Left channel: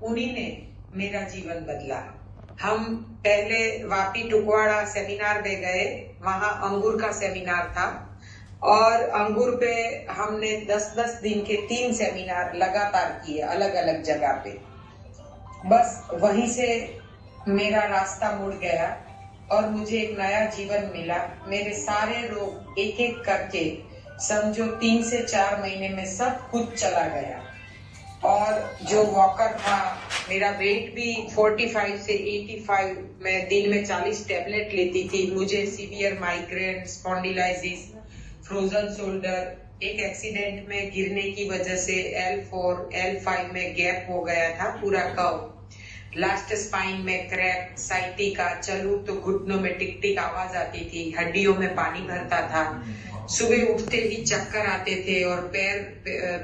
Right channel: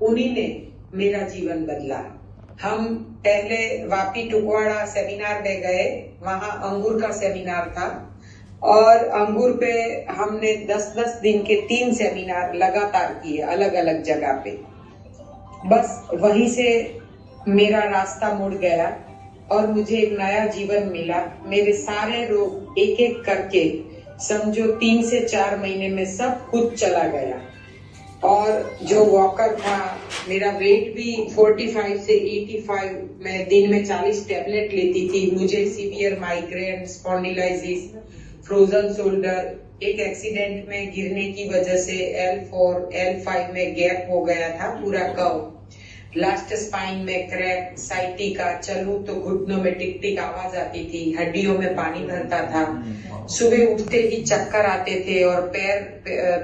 उन्हीं ने मेरा जीवन बदला। हम पहले वापी टुकवाड़ा सेमिनार में गए, वहां अंगूर का सेमिनार था और अंगूर पे हमने 10-10 दिन के 3 सेमिनार लगातार किए अलग अलग जगह पे। बस वहीं से मेरा रास्ता मुड़ गया और मुझे एक नया जीवन मिला। मेरे सारे रोग एक एक करके समझो 3 से 4 महीने में सब कुछ चला गया। और जो वॉकर था, मेरा वेट भी 45 से 85, मैं दिन में 40 टैबलेट लेती थी। मुझे severe migraine, spondylosis, frozen shoulder, एक एक्सीडेंट में गिरने की वजह से L4, L5 में गैप हो गया था पूरा कर्व, लास्ट स्पाइन में क्रैक, साइटिका, चलूं तो घुटनों में टिक टिक आवाज आती थी, हड्डियों में पानी भरता था, सुबह उठते ही चक्कर आते थे और पैर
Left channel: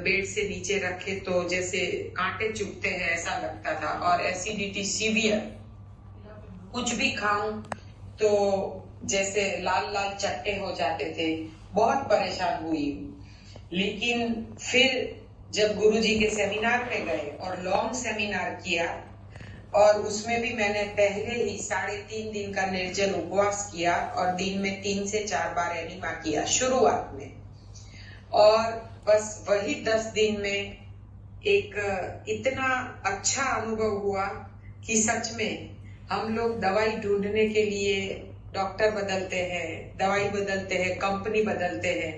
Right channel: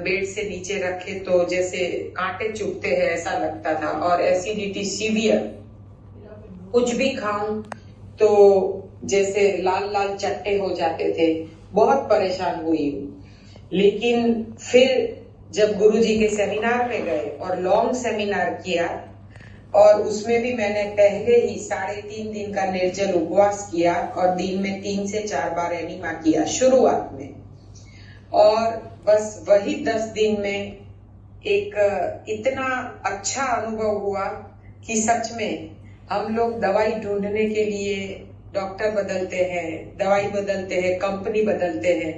बेड से नीचे रखे तो जैसे कांटे चुभते हैं ऐसा लगता था, और एसिडिटी सीवियर, कुछ भी खाऊं तो जैसे लाल लाल चट्टे हो जाते थे। बहुत परेशान हुई। लेकिन फिर जब गुरुजी के सेमिनार पे गए और लॉन्ग सेमिनार किया, और उसमें भी मैंने पहले ही 3.5 दिन का निर्जल उपवास किया और दिन में 3 से 4 बार एनिमा किया शुरुआत में। और बस वही 10 दिन में एक इतना अच्छा अनुभव हुआ कि सच में हम लोग दवाई ढूंढने के लिए डॉक्टर बदलते हैं, दवाई बदलते हैं, कंपनी बदलते हैं,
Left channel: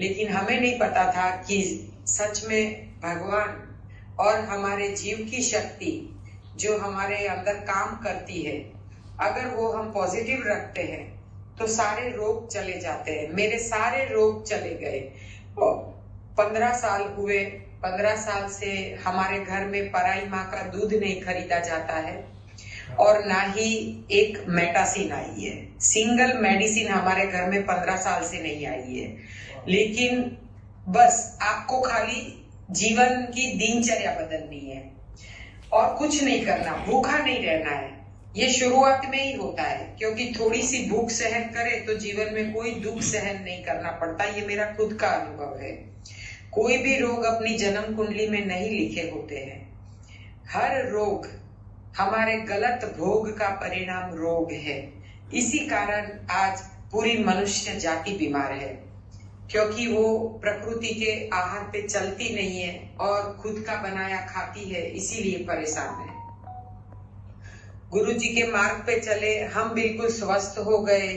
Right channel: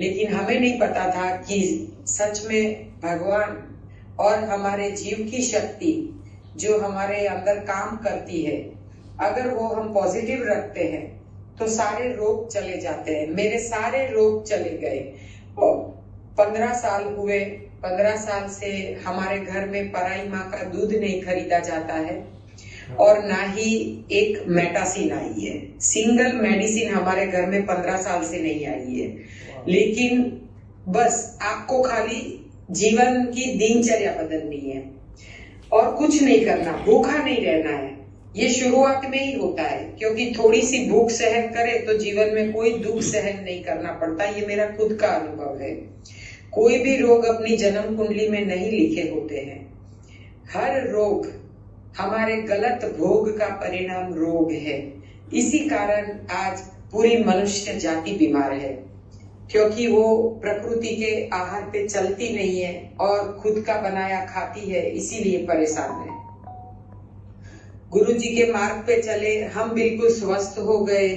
लेकिन हमें नहीं पता था कि सच में भगवान और हमारे जीव की शक्ति जो हमारे अंदर काम करती है, अगर वो हम पॉजिटिव रखते हैं तो सारे रोग चले जाते हैं। मेरे सारे रोग चले गए। 15 साल हुए, 15 साल से हमारे घर में पराई माँ का दूध नहीं खरीदा जाता है और ना ही एक मेटासिन आई है। सिंगल मेडिसिन हमारे घर में 15 साल से नहीं आई है। लेकिन बस आपको खाली जीवन की दिनचर्या बदलनी है और कुछ नहीं करना, भूखा नहीं रहना है। ये शुरुआत में ही होता है, क्योंकि थोड़ी सी भूख सहन करे तो जीवन में कोई दुख सहन नहीं करना पड़ता। ये मेरा खुद का अनुभव है। कोई भी रोग अपनी जन्म कुंडली में नहीं लिखे होते हैं। हर रोग हमारे गलत भोग का परिणाम रोग है। इसी कारण आज पूरी मनुष्य जाति बीमार है, क्योंकि वो प्रकृति के आहार पे चलती नहीं है और खुद का बनाया खाती है, इसीलिए परेशान है। गुरुजी के मार्ग पे चले, हम बिल्कुल स्वस्थ हो गए,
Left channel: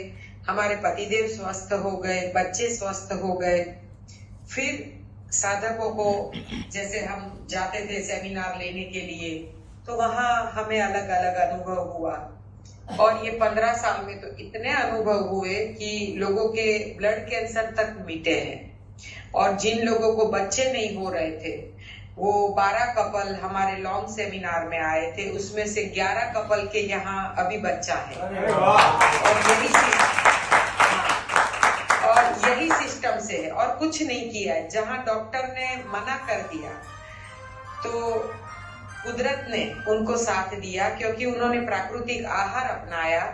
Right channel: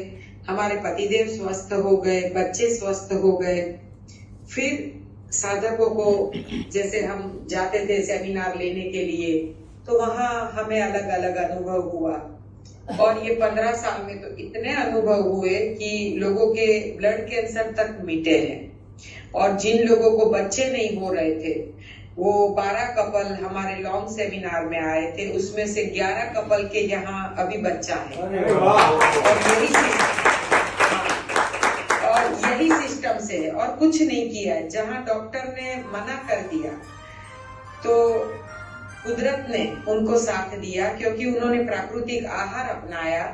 हमारे पतिदेव स्वस्थ हो गए, बच्चे स्वस्थ हो गए। फिर साधकों को जैसे हम जाते थे सेमिनार लेने के लिए, तो वहां हमें अलग अलग अनुभव हुआ। और ये 15 साल में तो इतने अनुभव हुए कि लोगों के ब्लड कैंसर तक मिटे हैं। और जिन लोगों को बच्चे नहीं हो रहे थे, वो 12 कपल हमारे लॉन्ग सेमिनार में आए थे, उसमें से 11 कपल के यहाँ अभी बच्चा है। और यही सिस्टम से है और कुछ नहीं किया है। जहाँ डॉक्टर ने मना कर दिया तो कुदरत ने उनको साथ दिया, क्योंकि उन्होंने प्राकृतिक आहार अपनाया।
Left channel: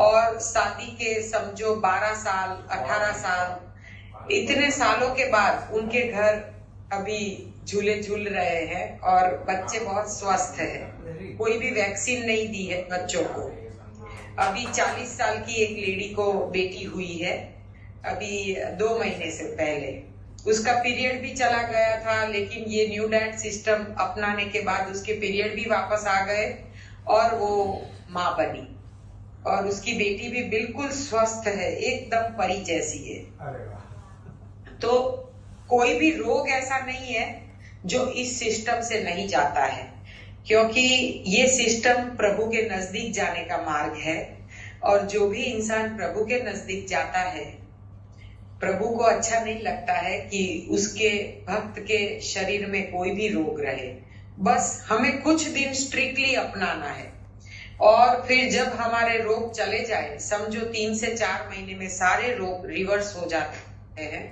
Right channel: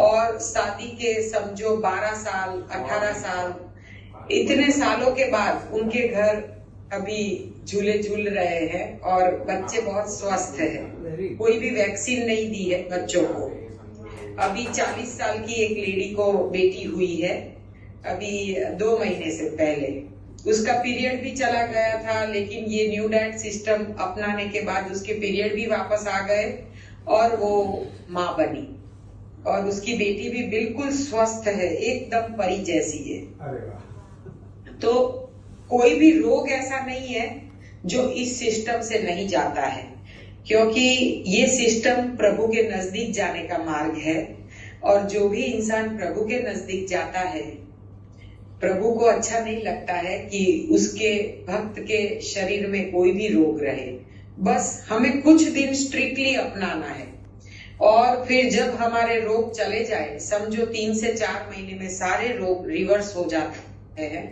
और शादी के समझो 12 साल 18 साल इतने सालों के बाद उनके घर अभी झूले झूल रहे हैं और बच्चे बहुत स्वस्थ हैं। कोई भी वैक्सीन नहीं दी है बच्चों को। अभी 40 साल की एक लेडी को बेटी हुई है अभी 2 महीने से पहले। उसका पीरियड भी चला गया था, लेकिन ये न्यू डाइट सिस्टम अपनाने के बाद उसके पीरियड भी वापस आ गए और वो माँ बनी। और उसकी बेटी भी बिल्कुल स्वस्थ है, एकदम परी जैसी है। अरे वाह। तो कोई भी रोग ऐसा नहीं है जो इस सिस्टम से नहीं जाता है, क्योंकि ये सिस्टम प्रभु के नजदीक जाने का मार्ग है। और जो भी इंसान प्रभु के नजदीक जाता है, प्रभु को अच्छा नहीं लगता है कि उसके भक्त के शरीर में कोई भी रोग रहे। बस हमें कुछ दिन स्ट्रिक्टली अपनाना है और फिर जब हमारे रोग चले जाए, समझो 3 से 4 महीने में सारे रोग रिवर्स हो जाते हैं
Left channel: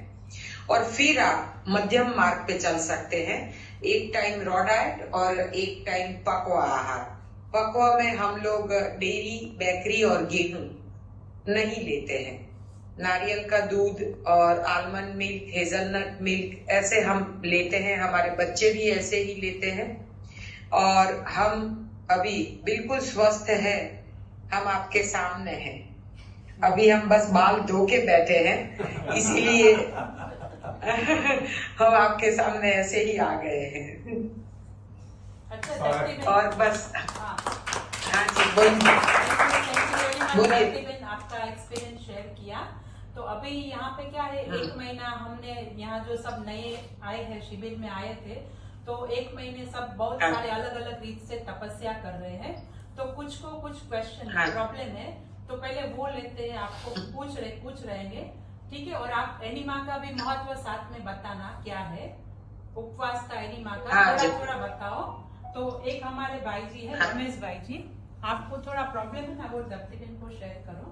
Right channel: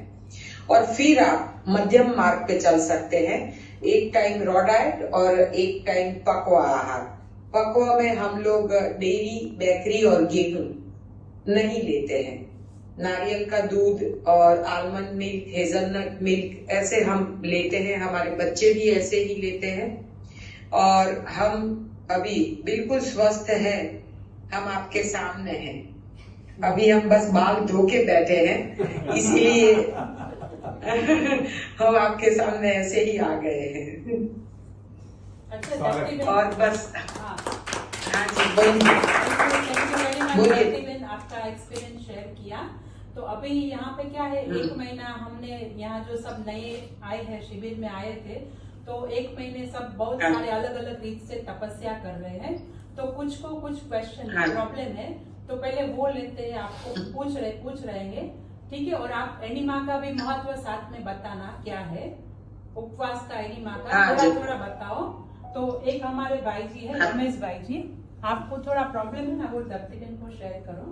और फिर आप मध्यम मार्ग पे चल सकते हैं। एक टाइम रॉ डाइट और एक टाइम पकवा आहार। पकवा में हम लोग डेयरी, बेकरी और गेहूं नहीं लेते हैं। नारियल का दूध और आलमंड मिल्क, हेजलनट मिल्क ऐसे हम लेते हैं, हमारे बच्चे भी ऐसे ही लेते हैं। और हम अभी बिल्कुल स्वस्थ हैं। हम आपके सामने हैं। अभी हम बस बाल धो के बैठे हैं, इसलिए हम आपके सामने ऐसे ही आ गए हैं। अच्छा, और बस हाँ जी बोलिए। आपका एक्सपीरियंस शेयर किया। तो अभी यहाँ पे क्या है, 1 महीना हमने यहाँ जो सब नए आए हैं शिविर में आए थे, तो 1 महीने सब बहुत सारे अलग अलग रीत से तपस्या कर रहे हैं। तो कुछ को कुछ क्वेश्चन प्रॉब्लम है, तो पहले वो लेते हैं, आपको पूछ रहेंगे, ठीक है। और आप एनिमा का भी महत्व साथ में बताना क्या है, उपवास का एनिमा का थोड़ा बताओ। तो एक हमारे भाई जी है, रमेश भाई जी, आपको थोड़ा प्रॉब्लम है ना, वो दफ्तर को शेयर करो।